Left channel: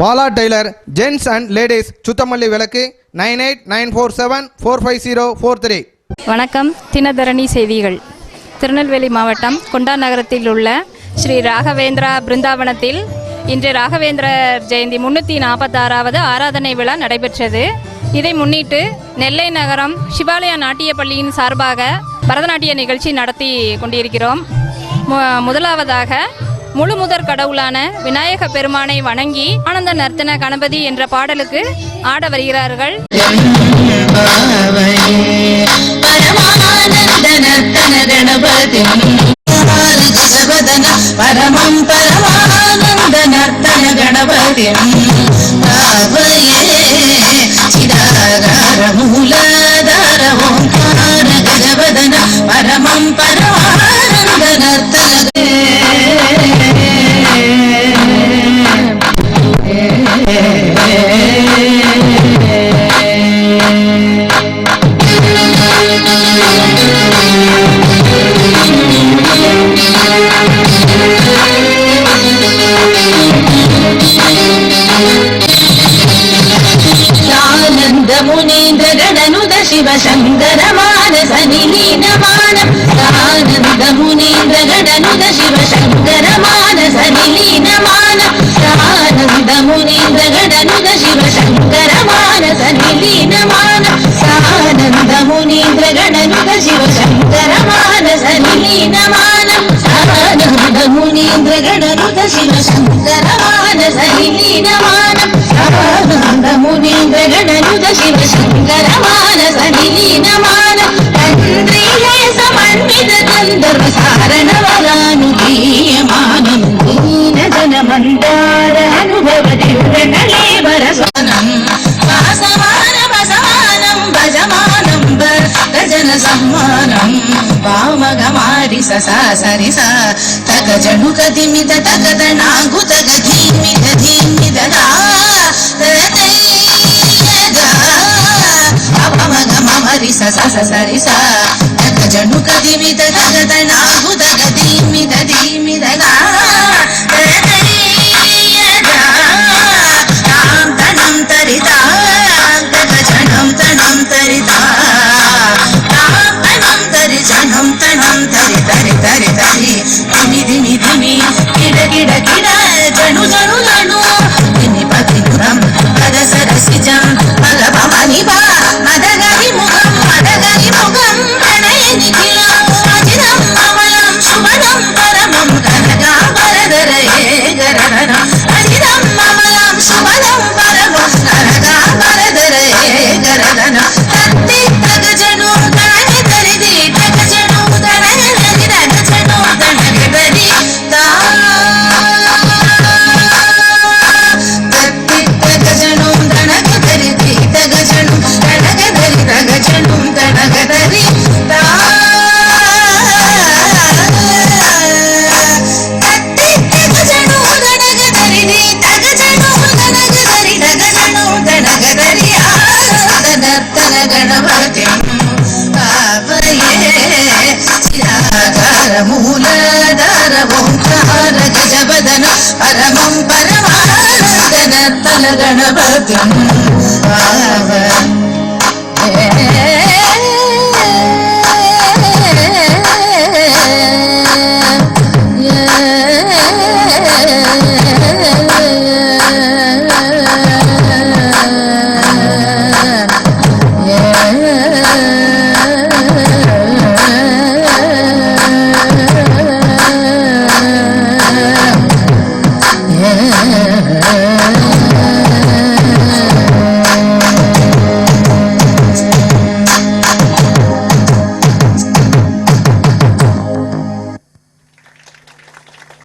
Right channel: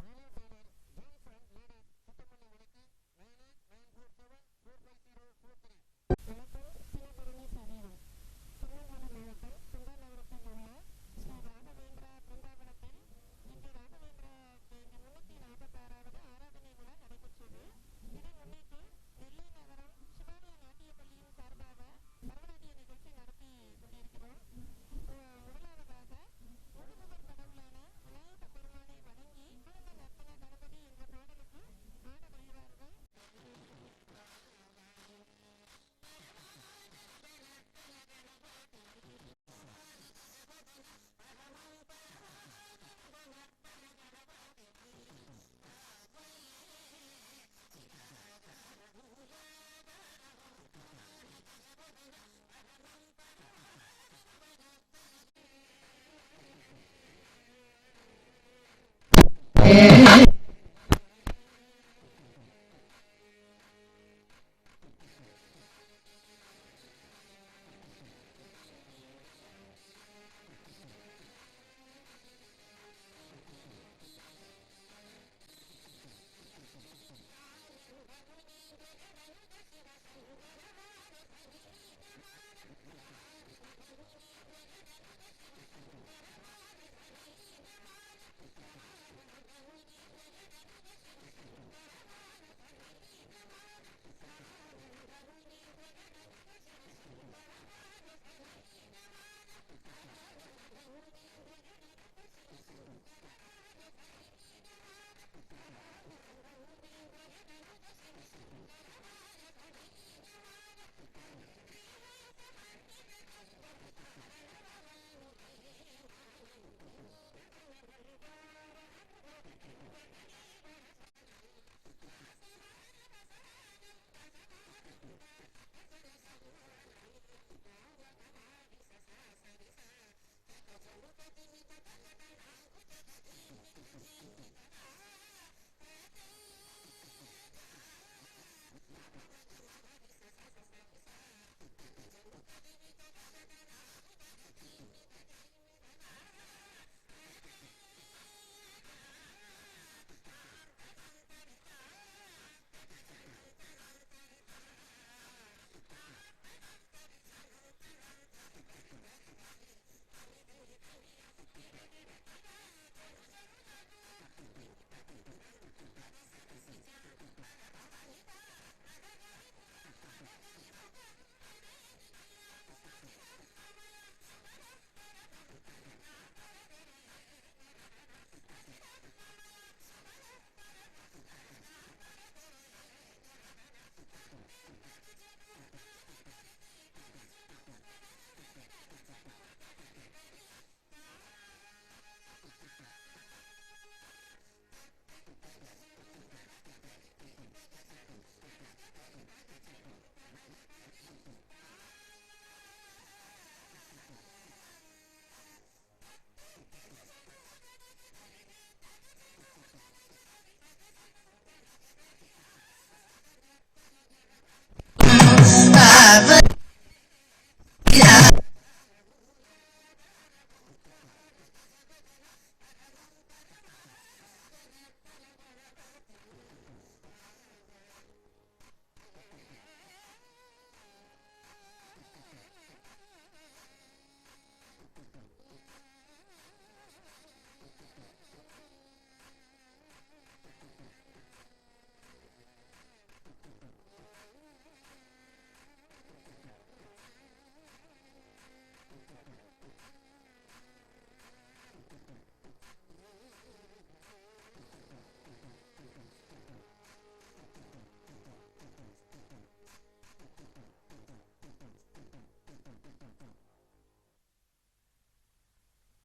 Bala tailor gents and ladies Suthamalli விளக்கு 9894745043. வணக்கம். தினதரணி செய்திகள். திருநெல்வேலி மாவட்டம் குண்டா நகரத்தில் உள்ள ஸ்ரீ ராகவேந்திரா பிருந்தாவனத்தில் இன்று ராகவேந்திரர் ஜெயந்தி 346வது ஆராதனை விழா நடைபெற்றது. இதை முன்னிட்டு நெல்லை நகரம் சிவாலயா நாட்டிய பள்ளியின் சார்பாக பரதநாட்டிய நிகழ்ச்சி நடத்தி கொண்டிருக்கிறோம். முதலாவதாக முழு முதற் கடவுளான விநாயக பெருமானை வணங்கி ஆனந்த நர்த்தன கணபதி என்ற பாடலுக்கு ஆட வருகிறார்கள். பரமம் பரமானந்த நர்த்தன கணபதி சிதாகார மூலதார ஓங்கார கஜவதன பரமம் பரமானந்த நர்த்தன शिवशङ्कर मानस निलीनमानम् आनन्द मुनीन्द्र गणनुद शिवशङ्कर मानस निलीनमानम् आनन्द मुनीन्द्र गणनुद शिवशङ्कर मानस निलीनमानम् आनन्द मुनीन्द्र गणनुद शिवशङ्कर मानस निलीनमानम् आनन्द मुनीन्द्र गणनुद शिवशङ्कर मानस निलीनमानम् आनन्द मुनीन्द्र गणनुद शिवशङ्कर मानस निलीनमानम् तन्द्रीये समन्वित गन्धर्व सारणवरानुदीयमानम् दीनजनमन्दार अनुभव दिव्यकलेवर स्वनम् वासमानम् भजमानम् भजन सम्मानम् वामगमारि सा सरि सा तक जणुक दिमित तक तणागुत गधीमित धीमित दा मरि सा सरि सा तक जणुक दिमित तक तणागुत गधीमित धीमित दा तणं तरिता तक जणं तणं तरिता तणं तरि जणं तणं तरि तरि तरि तरि धिमि धिमि धिमि किड किड किड जणु जणु जणु धिमि पति पुरं पद सरसिजं मग भवानि बा मदगरि मुखं प्रणय निखिलं अजितं अमलं शुभदं परमं कनकाम्बरधरये गरधरम् अजितं अमलं शुभदं परमं कनकाम्बरधरये गरधरम् तत्ति तग जणु तणगे तरिदि तग जणु तणगे तरि तग जणु तणगे तरि ता तत्ति तग जणु तणगे तरिदि तग जणु तणगे तरि तग जणु तणगे तरि ता तत्ति तग जणु तणगे तरिदि तग जणु तणगे तरि तग जणु तणगे तरि नर्तन गणपति मूलधार ओंकार गजवदन परमं परमानंद नर्तन गणपति